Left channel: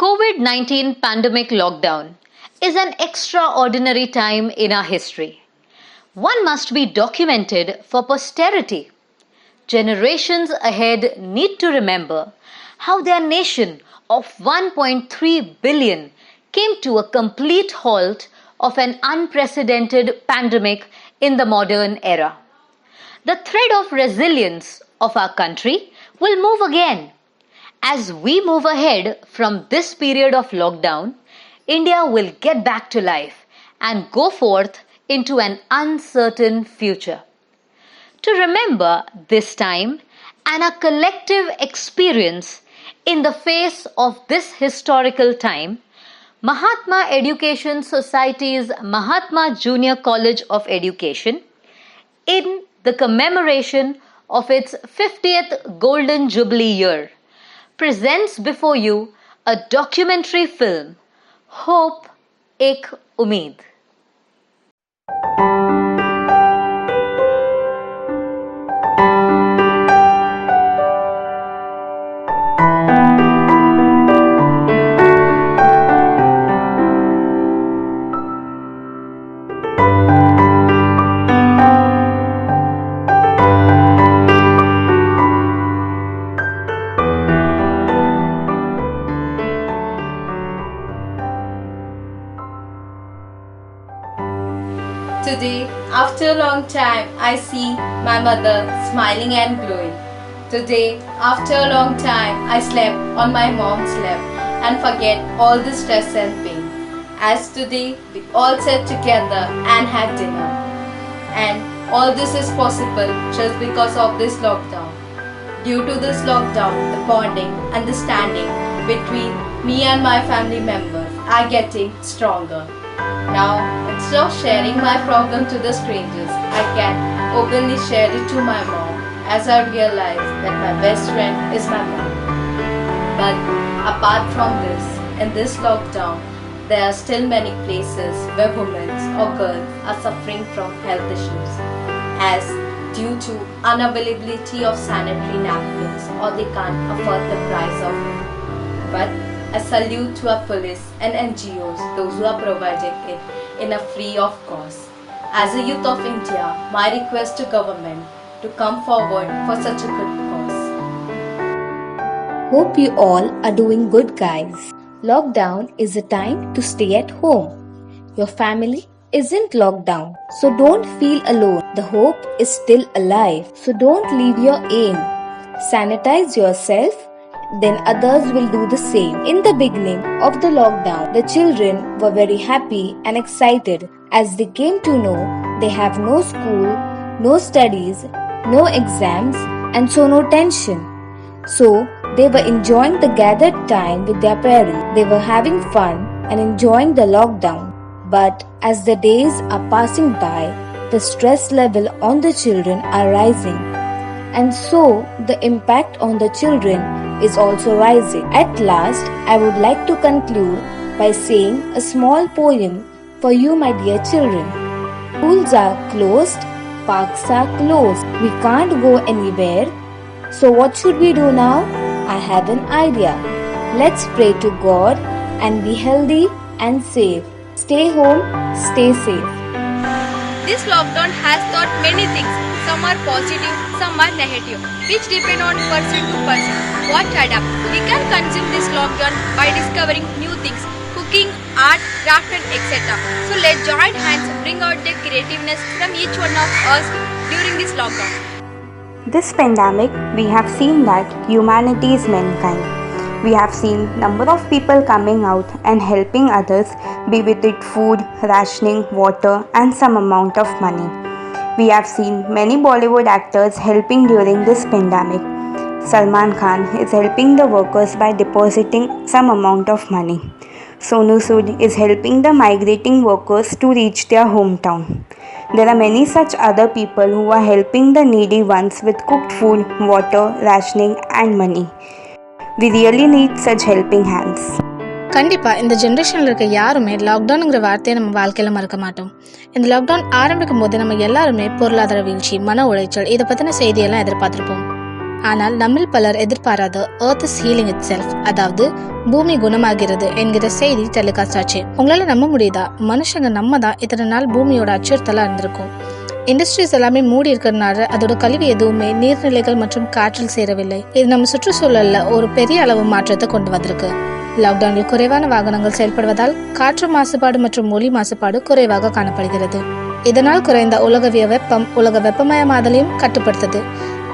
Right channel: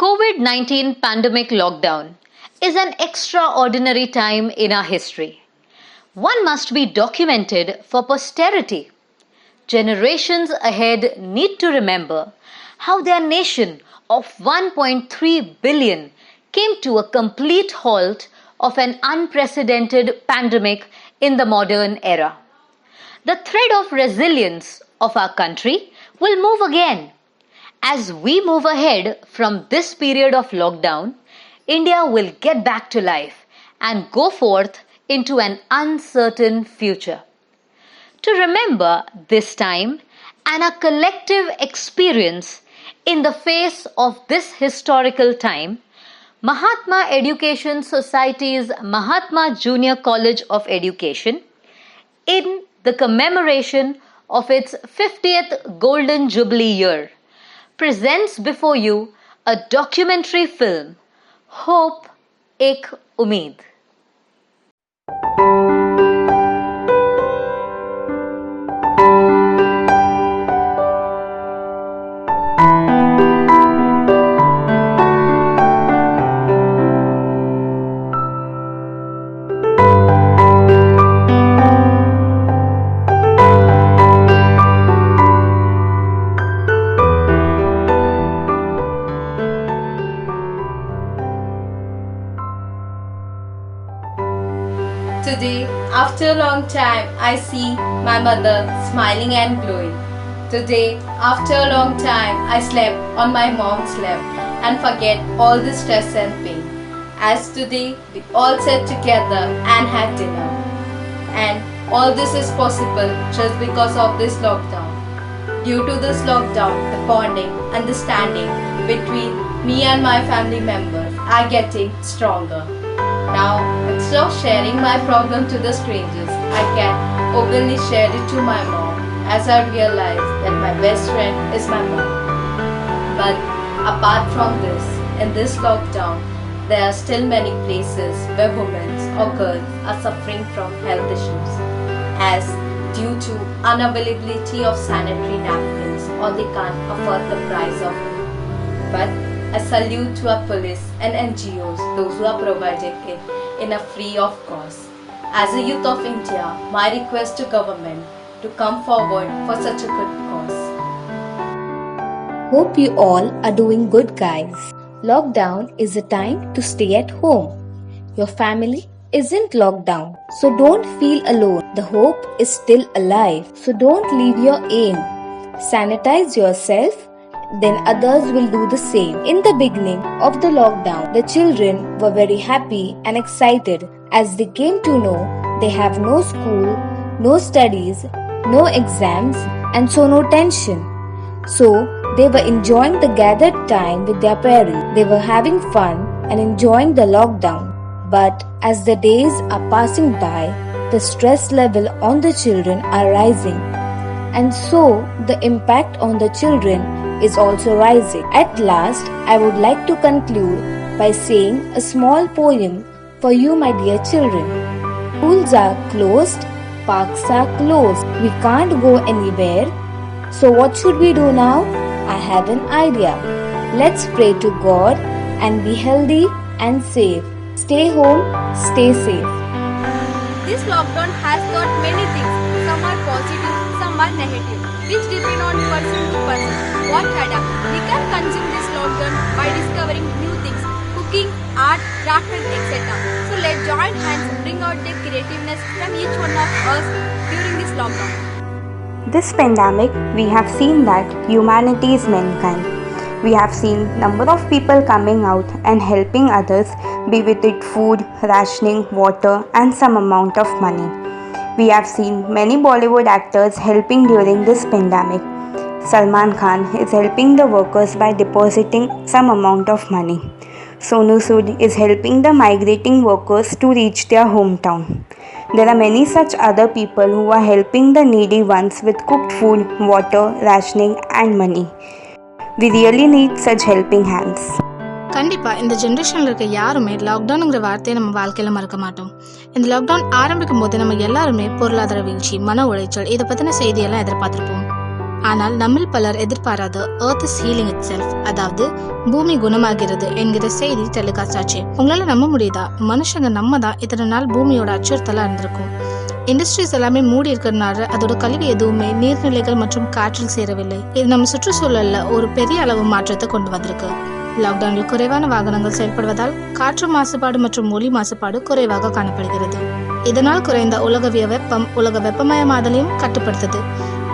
COVID-19 pandemic lockdown is an extraordinary time in our history. One must be documented for posterity. Generations ahead need to remember how their nation of 1.3 billion came to a complete halt of an unprecedented pandemic in the modern era. The thread of resilience of our country will move again. As we move ahead from this period of lockdown, India will get back to life and go forth into an uncertain future. To remember this time and our collective experience in the face of this historical time, Mahatma Education Society's Mahatma Junior College of Education, in the commemoration of its 50th Golden Jubilee year, presents before you a documentary film, Hope Ek Umeed. Today, after a long time, I see my mother smiling and glowing. Today, after a long time, I slept on my mom's lap and forget all the stress and pain. As today, we all sat together and had dinner. And all this is possible just because of this lockdown. Due to this lockdown, the bonding, understanding between me and my family members are getting stronger. Now, instead of sharing my problem to the strangers, I can openly share it to my mom as I realize that my best friend is my mom. But apart from this, in this lockdown, there are still many places where women or girls are suffering from health issues as due to unavailability of sanitary napkins or they can't afford the price of it. But I salute to our police and NGOs, those who are providing it in a free of cost. As a youth of India, my request to government to come forward for such a good cause. Hope you all are doing good, guys. Lockdown is a time to stay at home. Your family isn't locked down, so don't feel alone. The hope is still alive, so don't leave your aim. Sanitize yourself, then others will do the same. In the beginning of the lockdown, the children were very happy and excited as they came to know they have no school, no studies, no exams, and so no tension. So they were enjoying the gathered time with their parents. They were having fun and enjoying the lockdown. But as the days are passing by, the stress level on the children are rising. And so the impact on the children is also rising. At last, I would like to conclude by saying a small poem for you, my dear children. Schools are closed, parks are closed. We can't go anywhere. So what should we do now? I have an idea. Let's pray to God and be healthy and safe. Stay home, stay safe. This lockdown has taught many things. Some are positive, some are negative, which depend on person to person. What adapt? We can consume this lockdown by discovering new things, cooking, art, craft and etc. So let's join hands bring out the creativeness from each one of us during this lockdown. This pandemic, we have seen that humanity is mankind. We have seen number of people coming out and helping others, be with it food, rationing, water and some amount of money. We have seen many Bollywood actors helping during this pandemic. Salman Khan is helping the workers by depositing some amount of money. Sonu Sood is helping the migrating workers to reach their hometown. There are many such other people who are helping the needy ones with cooked food, water, rationing and money. We really need such helping hands. கண்டிப்பாக இந்த ஜென்ரேஷனில் இருக்க யாருமே லாக்டவுனுங்கிற வார்த்தையை நம்ம வாழ்க்கையில் மறக்க மாட்டோம். இந்த லாக்டவுன் ஆரம்பிக்கும் போது நம்ம எல்லாருமே பொருளாதார வீழ்ச்சி, மன உளைச்சல், இதை பற்றின செய்தியெல்லாம் எதிர்பார்த்துருப்போம். ஆனால் நம்மில் பலர் எதிர்பாராத earth is healing itself, அதாவது பூமி குணமாகிறது என்கிற செய்தி டெலிகாஸ்ட் ஆச்சு. உங்களால நம்ப முடியுதா? மனுஷங்க நம்ம தான் இத்தனை நாள் பூமியோட அச்சுறுத்தலா இருந்திருக்கும். இண்டஸ்ட்ரீஸ் எல்லாமே மூடி இருக்கிறதுனால அதோட கழிவு எதுவுமே நீர்நிலைகள் மற்றும் காற்றில் சேரவில்லை. இது நம்ம சுற்றுச்சூழல்ல ஒரு பெரிய அளவு மாற்றத்தை கொண்டு வந்திருக்கு. லாக்டவுனில் குறைவான வாகனங்கள் செயல்படுவதால் காற்று மாசுபாடு மற்றும் ஒலி மாசுபாடு குறைவாக காணப்படுகிறது. இதனால் குறைந்த உலகவிய வெப்பம் உலக வெப்பமயமாதலையும் கட்டுப்படுத்துது.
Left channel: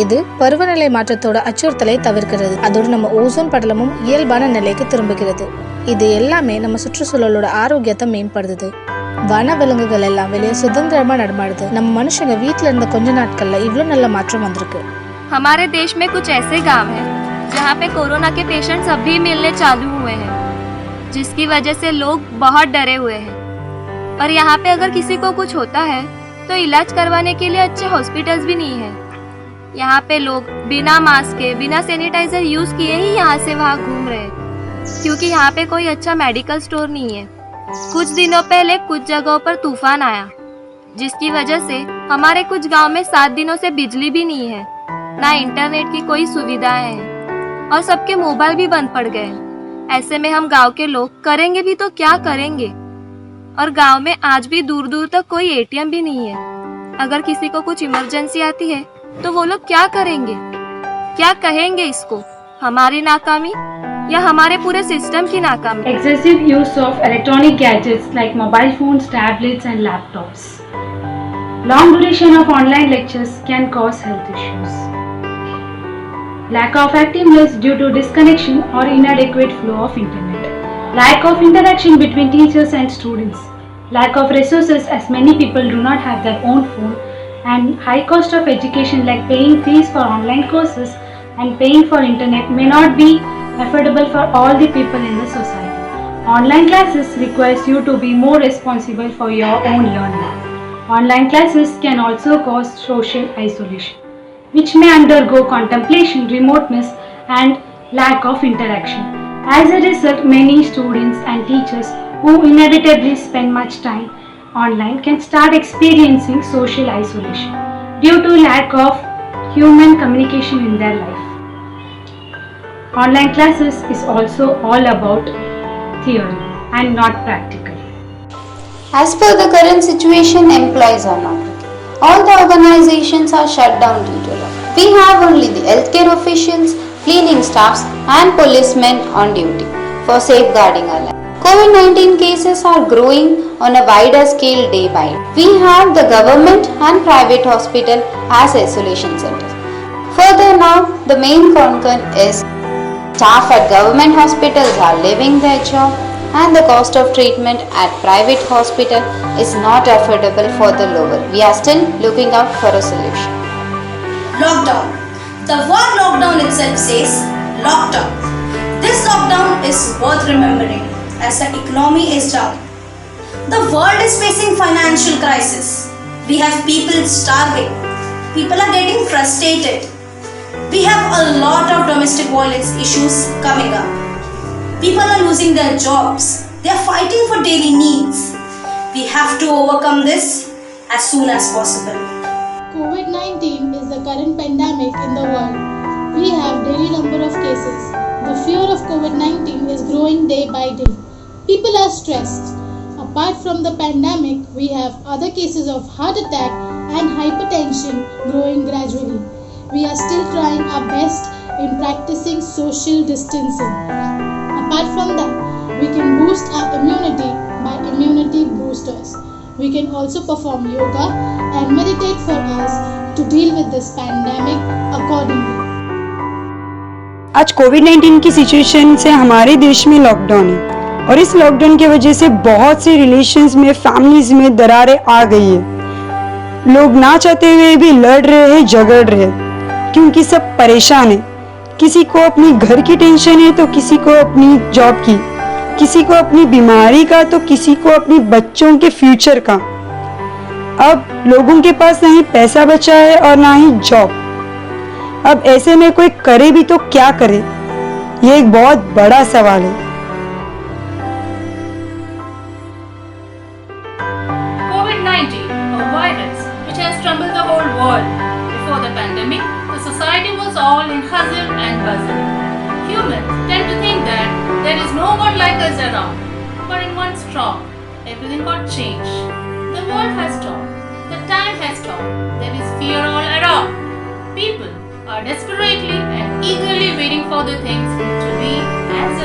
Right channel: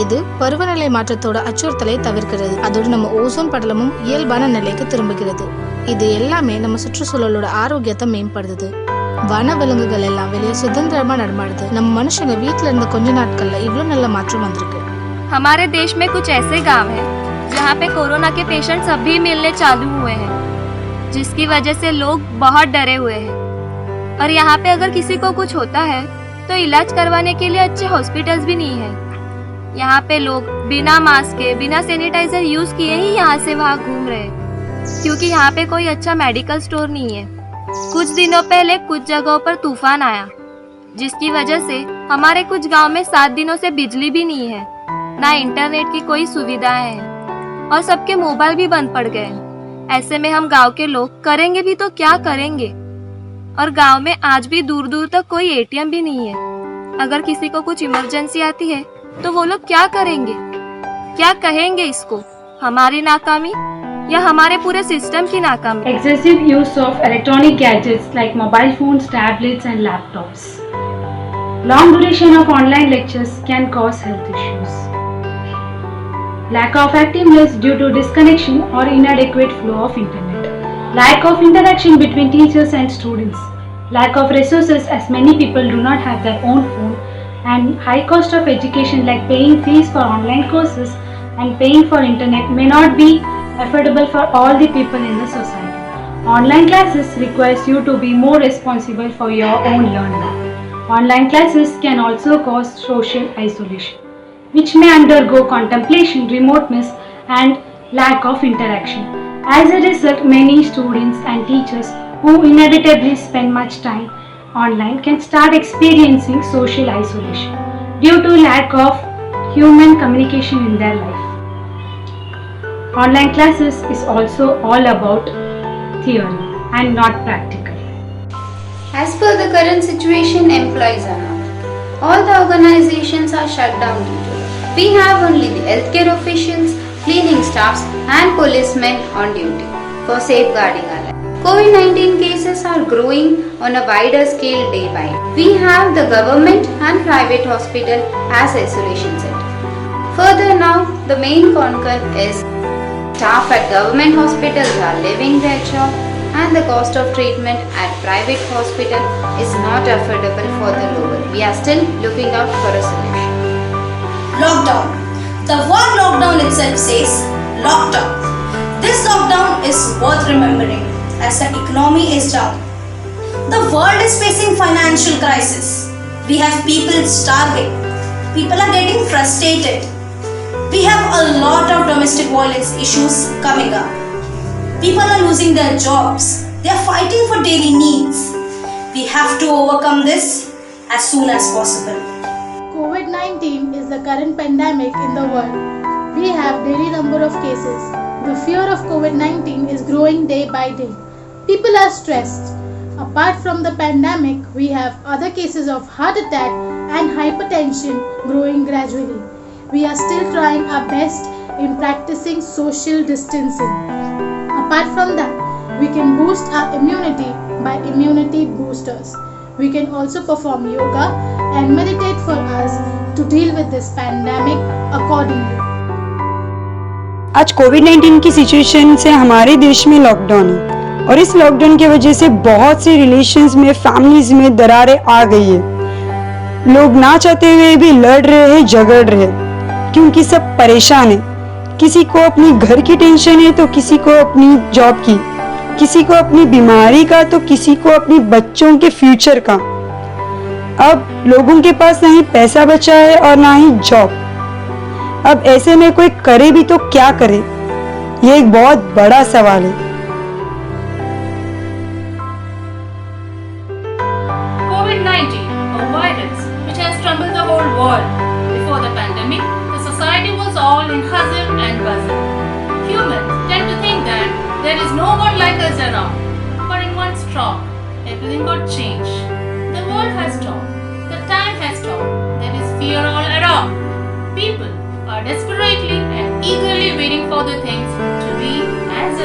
இது பருவநிலை மாற்றத்தோட அச்சுறுத்தலை தவிர்க்கிறது. அதோடு நம்ம ஓசோன் படலமும் இயல்பான நிலைக்கு திரும்புகிறது. இது எல்லாமே நம்ம சுற்றுச்சூழலோட ஆரோக்கியத்தை மேம்படுத்துது. வன விலங்குகள் எல்லாம் வெளியே சுதந்திரமா நடமாடுது. நம்ம மனுஷங்க வீட்டுல இருந்த கொஞ்ச நாட்கள்ல இவ்வளவு நல்ல மாற்றம் வந்திருக்கு. हमारे देश में कुछ ऐसे गांव हैं जहां पे कोरोना के पेशेंट्स अभी मिलने चालू हुए हैं, जिसकी वजह से लोग बहुत डरे हुए हैं। और यहाँ पे अगर किसी को कुछ होता है तो इलाज करवाने के लिए अच्छे हॉस्पिटल्स भी नहीं है। यहाँ पे लोग बिना मास्क के, बिना सैनिटाइजर यूज किए ही यहाँ से वहाँ घूम रहे हैं, क्योंकि यहाँ पे कोई अच्छा मेडिकल स्टोर नहीं है। कुछ दिनों पहले कुछ जगहों पर तूफान आया, जिसकी वजह से हमारे कुछ गांव में 7 दिनों से बिजली भी नहीं है, ना इंटरनेट की कोई सुविधाएं हैं और सबके मोबाइल भी बंद पड़ गए हैं। ऐसे में हम गांव के लोग करेंगे भी तो क्या करेंगे? और गांव में आज भी दूर दूर तक कोई एटीएम भी नहीं है। अगर किसी को कुछ इमरजेंसी आती है तो वो लोग क्या करेंगे? क्या कहेंगे इसको? हमारी नाकामी या हमारे पूरे सिस्टम की नाकामी? Excessive use of electronic gadgets like mobile phones, tablets and laptops. Long duration of online lectures can cause health issues. Lack of activeness due to disconnection or inadequate flow of internet. Lack of interaction between teachers and students. Lack of resources as many people do not have their own phone, and high cost of education like paying fees for online courses and paying for internet may not be affordable for all the people in the society. Online classes requires you to be more responsible for your own learning. Online classes can also cause social isolation, which may undergo contemplation, remoteness and lack of interaction. As a result, many students and teachers who inevitably spend much time online can start experiencing social isolation due to lack of human communication in their life. Online classes is also all about theory and not practical. As per the current situation, employees are not. All the organizations are shut down due to law. We have only the healthcare officials, cleaning staffs and policemen on duty for safeguarding our life. COVID-19 cases are growing on a wider scale day by day. We have the government and private hospital as isolation centers. Further now, the main concern is staff at government hospitals are leaving their job and the cost of treatment at private hospital is not affordable for the lower. We are still looking out for a solution. Lockdown. The word lockdown itself says lockdown. This lockdown is worth remembering as the economy is down. The world is facing financial crisis. We have people starving. People are getting frustrated. We have a lot of domestic violence issues coming up. People are losing their jobs. They are fighting for daily needs. We have to overcome this as soon as possible. COVID-19 is the current pandemic in the world. We have daily number of cases. The fear of COVID-19 is growing day by day. People are stressed. Apart from the pandemic, we have other cases of heart attack and hypertension growing gradually. We are still trying our best in practicing social distancing. Apart from that, we can boost our immunity by immunity boosters. We can also perform yoga and meditate for us to deal with this pandemic accordingly. आज कोविड-19 की situation से हमारे देश में lockdown है और इस lockdown की वजह से बहुत से रिलेशंस में, फैमिलीज में दरारें आ गई है। लोग ना चाहते हुए भी लड़ रहे हैं, झगड़ रहे हैं, क्योंकि सब परेशान है। किसी को अपनी घर की टेंशन है तो किसी को अपनी जॉब की, किसी को अपनी बीमारी का तो किसी को अपनी बच्चों के फ्यूचर का। अब लोगों के पास ना ही पैसा बचा है और ना ही जॉब। अब ऐसे में कोई करे भी तो क्या करे, ये एक बहुत बड़ा सवाल है। COVID-19, a virus which has troubled the whole world. Before the pandemic, the The society was all in hustle and bustle. Humans tend to think that there is no one like us around. But in one stroke, everything got changed. The world has stopped. The time has stopped. There is fear all around. People are desperately and eagerly waiting for the things to be as